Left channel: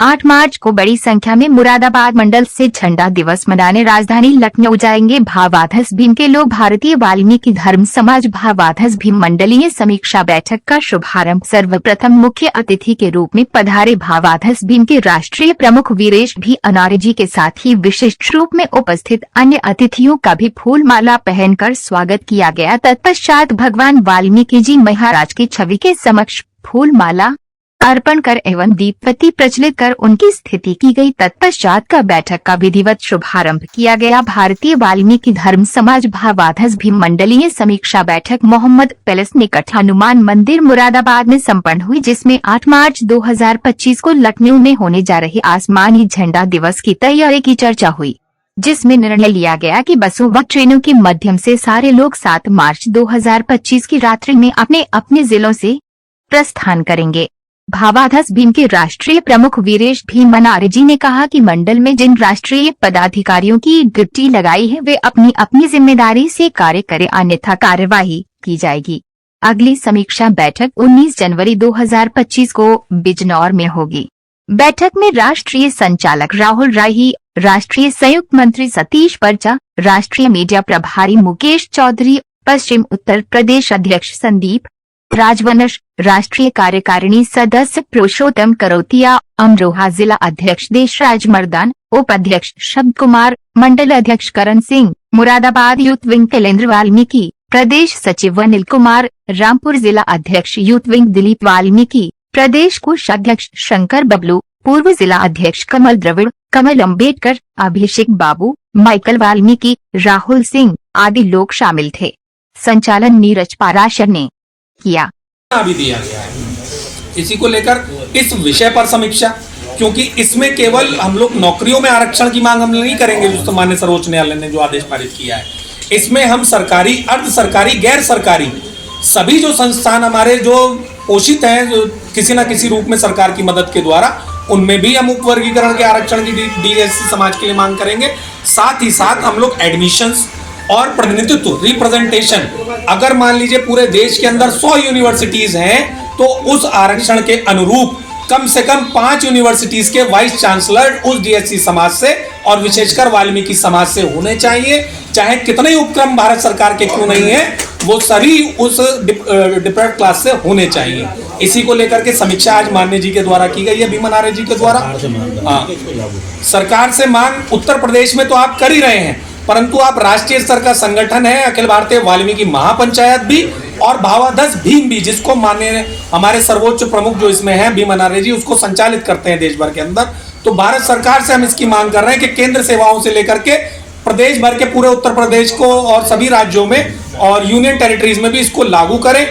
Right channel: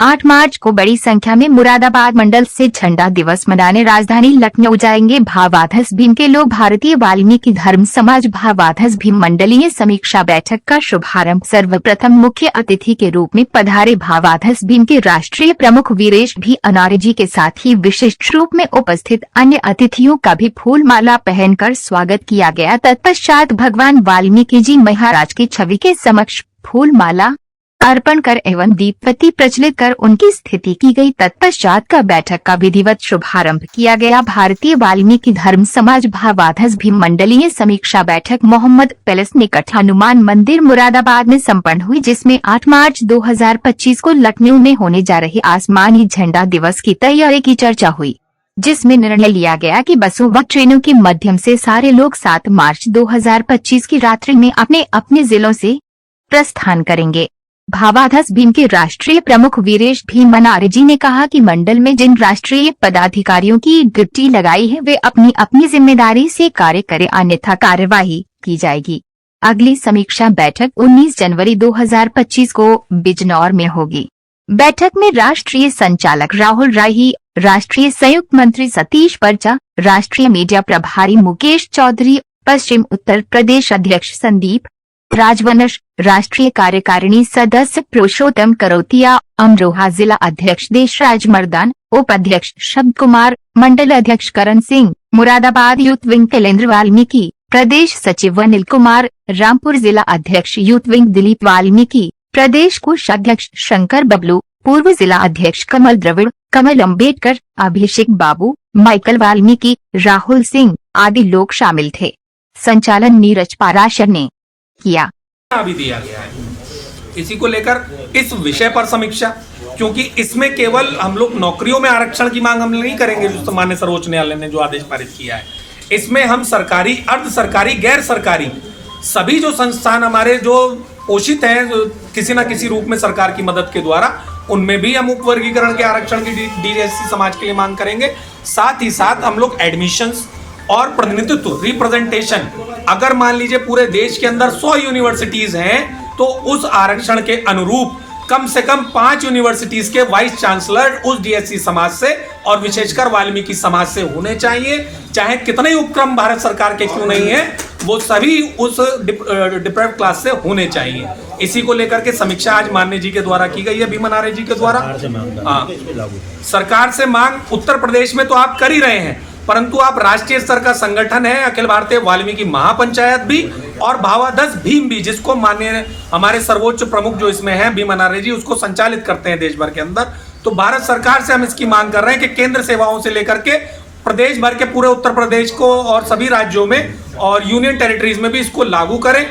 8 मार्च को बड़ी संख्या में मुरादाबाद मंडल से झंडा दिवस मनाने राजधानी लखनऊ जाएंगे भावाधस भीम के लोग। भारतीय वाल्मीकि धर्म समाज भावाधस भीम मंडलीय समीक्षा बैठक का शुभारंभ सर्वप्रथम मुख्य अतिथि के रूप में पधारे भावाधस भीम के राष्ट्रीय प्रमुख वीरेश भी अनारे जी के साथ ही विशिष्ट रूप में उपस्थित अन्य अतिथियों का भी फूल माला पहनकर स्वागत किया गया। तत्पश्चात भगवान वाल्मीकि जी महाराज की छवि के समक्ष फूल माला अर्पण कर एवं दीपबत्ती प्रज्वलित कर उनकी स्थिति की गई। तत्पश्चात का बैठक का विधिवत शुभारंभ किया गया। भारतीय वाल्मीकि धर्म समाज भावाधस भीम मंडलीय समीक्षा बैठक मोहम्मद पैलेस निकट हनुमान मंदिर मुरादाबाद में संपन्न हुई, जिसमें 8 मार्च 2025 को लखनऊ में होने जा रहे आसमानी झंडा दिवस की तैयारी की चर्चा हुई, जिसमें निर्णय लिया गया कि बसों व ट्रेनों के माध्यम से सारे लोग 7 मार्च 2025 की रात्रि में अपने अपने जिलों से प्रस्थान करेंगे। भावाधस भीम के राष्ट्रीय प्रमुख वीरेश भीम अनारे जी ने कहा कि मंडल में जिन राष्ट्रीय पदाधिकारियों की ड्यूटी लगाई है वे अपनी अपनी जिम्मेदारी से कार्य करें, अन्यथा कार्यवाही की जाएगी। अगली समीक्षा बैठक 19 जनवरी 2025 को बिजनौर में होगी। बैठक में राष्ट्रीय संचालक राहुल राही, राष्ट्रीय संयुक्त मंत्री सतीश पर्चा, राष्ट्रीय मीडिया प्रभारी मुकेश चौधरी, पश्चिम उत्तर प्रदेश अध्यक्ष संदीप राजवंश, राष्ट्रीय कार्यकारिणी सदस्य पुरुषोत्तम करोतिया, अमरोहा जिला अध्यक्ष देशराज मर्दान, उपाध्यक्ष शब्द कुमार, मंडल अध्यक्ष करण सिंह, मुरादाबाद यूथ विंग कलेंद्र वाल्मीकि, प्रदेश सचिव अनिल कुमार, रामपुर जिला अध्यक्ष यूथ विंग दिलीप वाल्मीकि, प्रदेश कोषाध्यक्ष शंकर बबलू, पूर्व जिला अध्यक्ष कमल द्रविड़, कमल अम्बेडकर, अभिषेक बाबू, माइकल वाल्मीकि, राहुल सिंह आदि लोग शामिल थे। संचालन नीरज पाराशर ने किया। भी दिया गया है इसी को लेकर इस विषय पर समीक्षा, क्योंकि इसमें केवल हम लोग नौकरियों में आरक्षण की मांग हम नहीं करेंगे जो माननीय सर्वोच्च न्यायालय ने जो आदेश पारित किया है। इसमें हम सरकारी, अर्ध सरकारी, गैर सरकारी सभी जो संस्थान हमारे जो पोषित हैं जो किसी न किसी रूप में सरकार की मदद के द्वारा, उनमें भी हम उपवर्गीकरण के आरक्षण की DSC समाज के लिए मांग करेंगे। साथ ही साथ हम लोग एडमिशंस और प्रतिनिधित्व, रिप्रेजेंटेशन, अगर मान लीजिए पूरे देश के अंदर 100 यूनिवर्सिटीज हैं तो उस आरक्षण के अनुरूप कम से कम 5 यूनिवर्सिटीज के वाइस चांसलर उस DSC समाज से और विशेषकर वाल्मीकि समाज से होने चाहिए। चाहे कितने उपक्रम भारत सरकार के क्यों नहीं है, वो सभी उस डिप्रेड क्लास से होने चाहिए। इसी को लेकर के समीक्षा आज माननीय जी के द्वारा की गई है, भीम अनारे जी के द्वारा। हाँ, सरकार से मांग उत्तर प्रदेश में तो आप कर ही रहे हैं, परंतु आप राष्ट्रीय स्तर का संगठन है अखिल भारतीय वाल्मीकि महापंचायत भी और भावाधस भीम भी, जिसको माननीय हमारे सर्वोच्च प्रमुख जो इसमें है भीम अनारे जी, उसको संचालित करते हैं देश भर के अंदर। तो भारत सरकार से हम इसकी मांग कर रहे हैं कि केंद्र सेवाओं से लेकर के प्रदेश भर के पूरे उत्तर प्रदेश को और सभी राज्यों में और यूनियन टेरिटरीज में भी इसको लागू करें।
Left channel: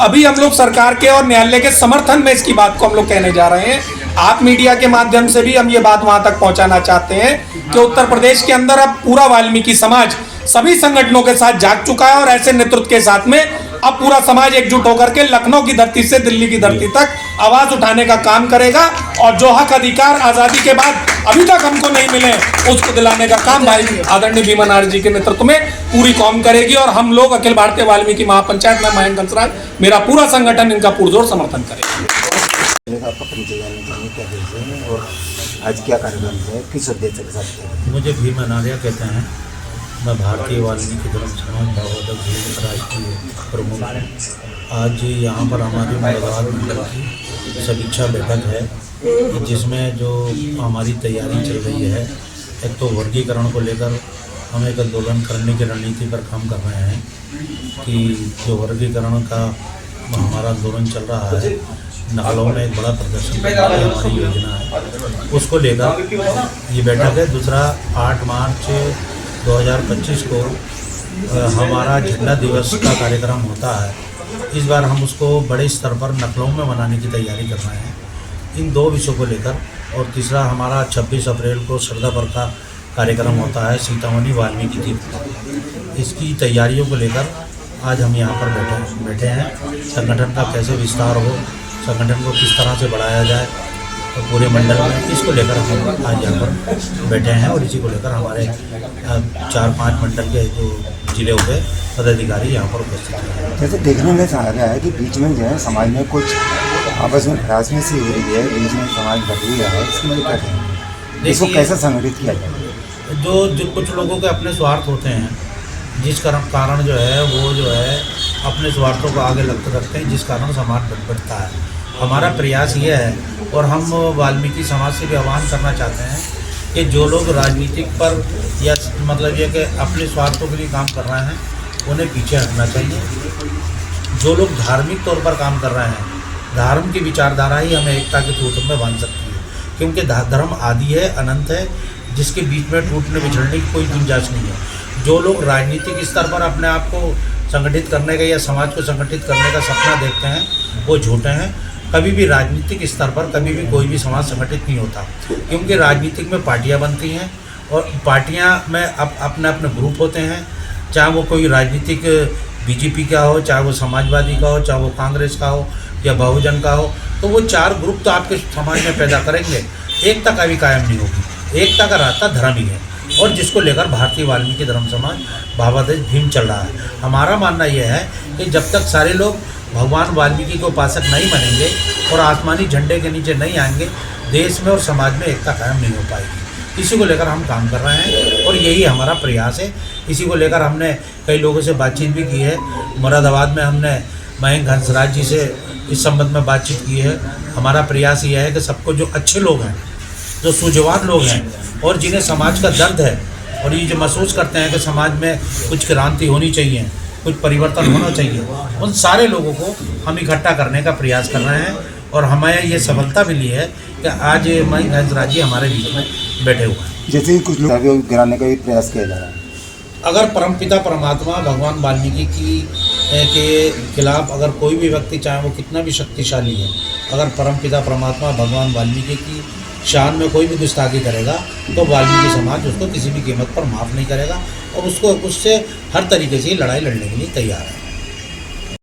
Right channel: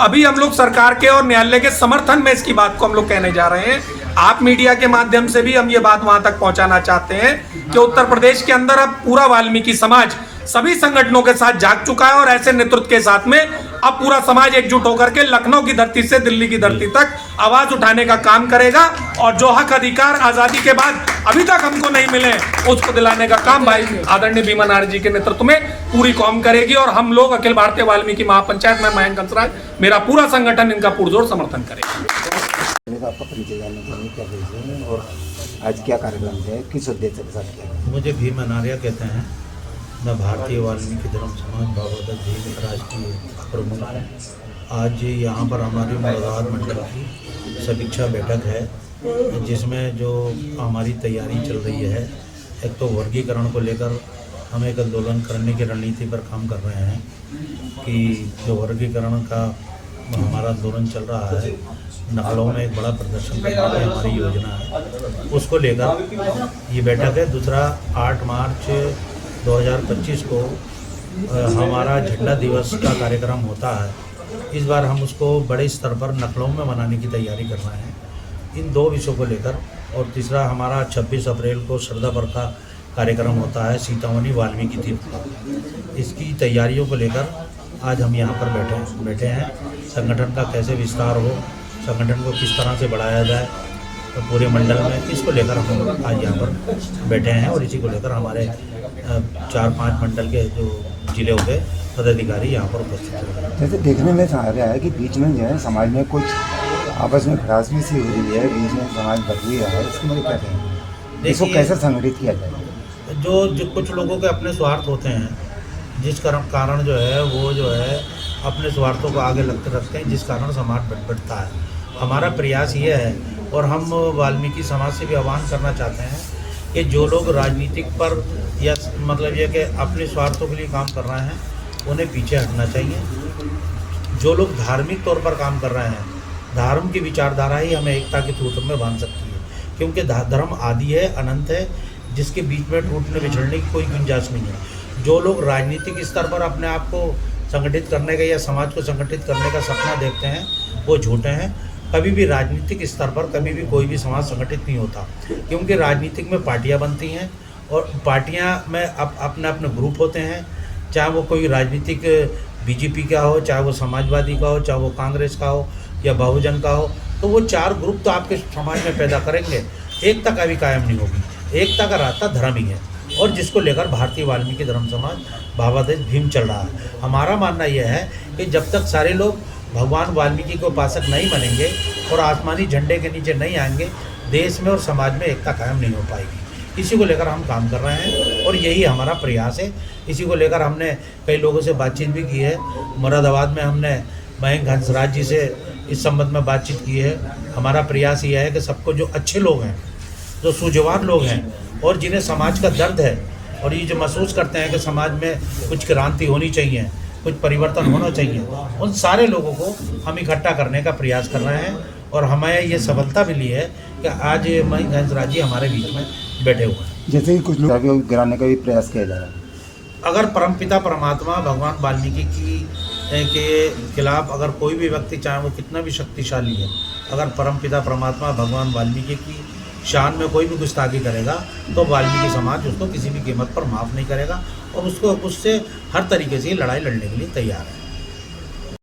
अभी हम लोग सरकार के और न्यायालय के समर्थन में इसकी बात को हम लोग कहने जा रहे हैं। आप मीडिया के माध्यम से भी हम ये बात वहां तक पहुंचाना चाहते हैं कि उत्तर प्रदेश के अंदर अब पूरा वाल्मीकि समाज सभी संगठनों के साथ जाग चुका है और ऐसे नेतृत्व के साथ में अब पूरा समाज एकजुट होकर के लखनऊ की धरती से दिल्ली की धरती तक आवाज उठाने का काम करेगा और जो हक अधिकार आजादी के बाद अभी तक हमको नहीं मिले उसको दिलाने का काम भाई आदरणीय भीम अनारे जी के नेतृत्व में पूरी कौम करेगी। और हम लोग अखिल भारतीय वाल्मीकि महापंचायत में मयंक कंसराज, मेरा पूरा संगठन इनका पुरजोर समर्थन करेगा। आज क्या कार्यक्रम है, किस उद्देश्य के साथ? मुझे भीम अनारे कहते हैं। मैं भारतीय वाल्मीकि धर्म समाज भावाधस भीम राष्ट्रीय प्रमुख हूँ। आज यहाँ पर हमारे मुरादाबाद मंडल की समीक्षा बैठक है, जिसमें जो हमारी तैयारी चल रही है, एक तो वर्गीकरण को लेकर हम एक आंदोलन करने की रणनीति पर काम कर रहे हैं कि जो वर्गीकरण का हमारा आंदोलन चल रहा है, नकलों में एक बड़ा प्रदर्शन हमारी योजना है, उसको लेकर ये बैठक है। दूसरा 8 मार्च 2025 को हमारा झंडा दिवस का कार्यक्रम होता है। इस बार हम उसको बड़े स्तर पर लखनऊ में मनाने की तैयारी कर रहे हैं, इन 2 विषयों को लेकर। और तीसरा हमारा 26 अप्रैल को श्रद्धा पर का कार्यक्रम होता है सीतामढ़ी वाल्मीकि तीर्थ। इसकी तैयारियों को लेकर आज हम यहाँ पर बैठे हैं। संगठन का कैसे विस्तार हो, संगठन को किस तरह से बढ़ाया जाए, तो पूरे मंडल में इसको लेकर हम आज यहाँ पर बैठे हैं। और इसी को लेकर हमारे 4-5 मंडल के जो जिले के पदाधिकारी यहाँ पर उपस्थित हैं। जैसे देखने में आ रहा है कि बीच में जो है समाज में कुछ आपस में राजनीति सी हो रही है, बीच में समाज बट रहा है, इसकी वजह क्या कहेंगे? इसको देखिए, कैसे संगठित किया जाए? जो कुछ लोगों के अपने स्वार्थ होते हैं, जिस कारण जो है वो जो है अपने स्वार्थों को आगे रखते हैं, जिस कारण समाज बढ़ता है। हमारा प्रयास ये है, और हम वाल्मीकि समाज से भी आह्वान करना चाहते हैं कि जो लोग राजनीतिक पर या मतलब ये कि अपने स्वार्थों के लिए काम कर रहे हैं, उन्हें पीछे हटना चाहिए। जो लोग धार्मिक तौर पर काम कर रहे हैं, धर्म की विचारधारा ही हमें एकता के सूत्र में बांध सकती है, क्योंकि धर्म आदि है, अनंत है, जिसके बीच में टूटने बिछड़ने की कोई गुंजाइश नहीं है। जो लोग राजनीतिक स्तर पर अपने आप को संगठित करने का या समाज को संगठित करने का सपना देखते हैं, वो झूठे हैं। कभी भी राजनीतिक स्तर पर कभी भी कोई भी समाज संगठित नहीं होता, क्योंकि राजनीतिक में पार्टियां बनती हैं, और पार्टियां में अपने अपने ग्रुप होते हैं, चाहे वो कोई राजनीतिक बीजेपी का हो, चाहे वो समाजवादी का हो, चाहे वो कांग्रेस का हो या बहुजन का हो। तो वो चार ग्रुप तो आपके समाज में पैदा करेंगे, एकता का भी कायम नहीं होगी। एकता का रास्ता धर्म ही है, और जिसको लेकर भारतीय वाल्मीकि धर्म समाज भावादेश भीम चल रहा है। हमारा मानना यह है कि जब तक सारे लोग भगवान वाल्मीकि के उपासक नहीं बनेंगे और आसमानी झंडे के नीचे नहीं आएंगे, देश में और समाज में एकता कायम नहीं हो पाएगी। इसी को लेकर हम काम कर रहे हैं, और यही हमारा प्रयास है। इसी को लेकर हमने कई लोगों से बातचीत भी की है। मुरादाबाद में हमने मयंक हंसराज जी से इस संबंध में बातचीत की है। हमारा प्रयास ये है कि सबको, जो अच्छे लोग हैं, जो सूझवान लोग हैं, और जिन्हें समाज का दर्द है, और ये जो महसूस करते हैं कि समाज में कुछ क्रांति होनी चाहिए, कुछ परिवर्तन होना चाहिए, उन सारे लोगों को हम इकट्ठा करने का प्रयास कर रहे हैं। और हमें ये सफलता मिली है कि आज मयंक हंसराज जी हमारे बीच में बैठे हुए हैं। जैसे ही कुछ लोग गिराने का भी प्रयास किया जा रहा है। अगर परमपिता परमात्मा भगवान वाल्मीकि के खिलाफ अगर कोई भी व्यक्ति, चाहे वो कितना भी शक्तिशाली है, अगर परमपिता परमात्मा भगवान वाल्मीकि की शान में कोई भी गुस्ताखी करेगा, तो वाल्मीकि समाज उसको किसी भी कीमत पर माफ़ नहीं करेगा, और उससे हर तरीके से लड़ाई लड़ने के लिए तैयार है।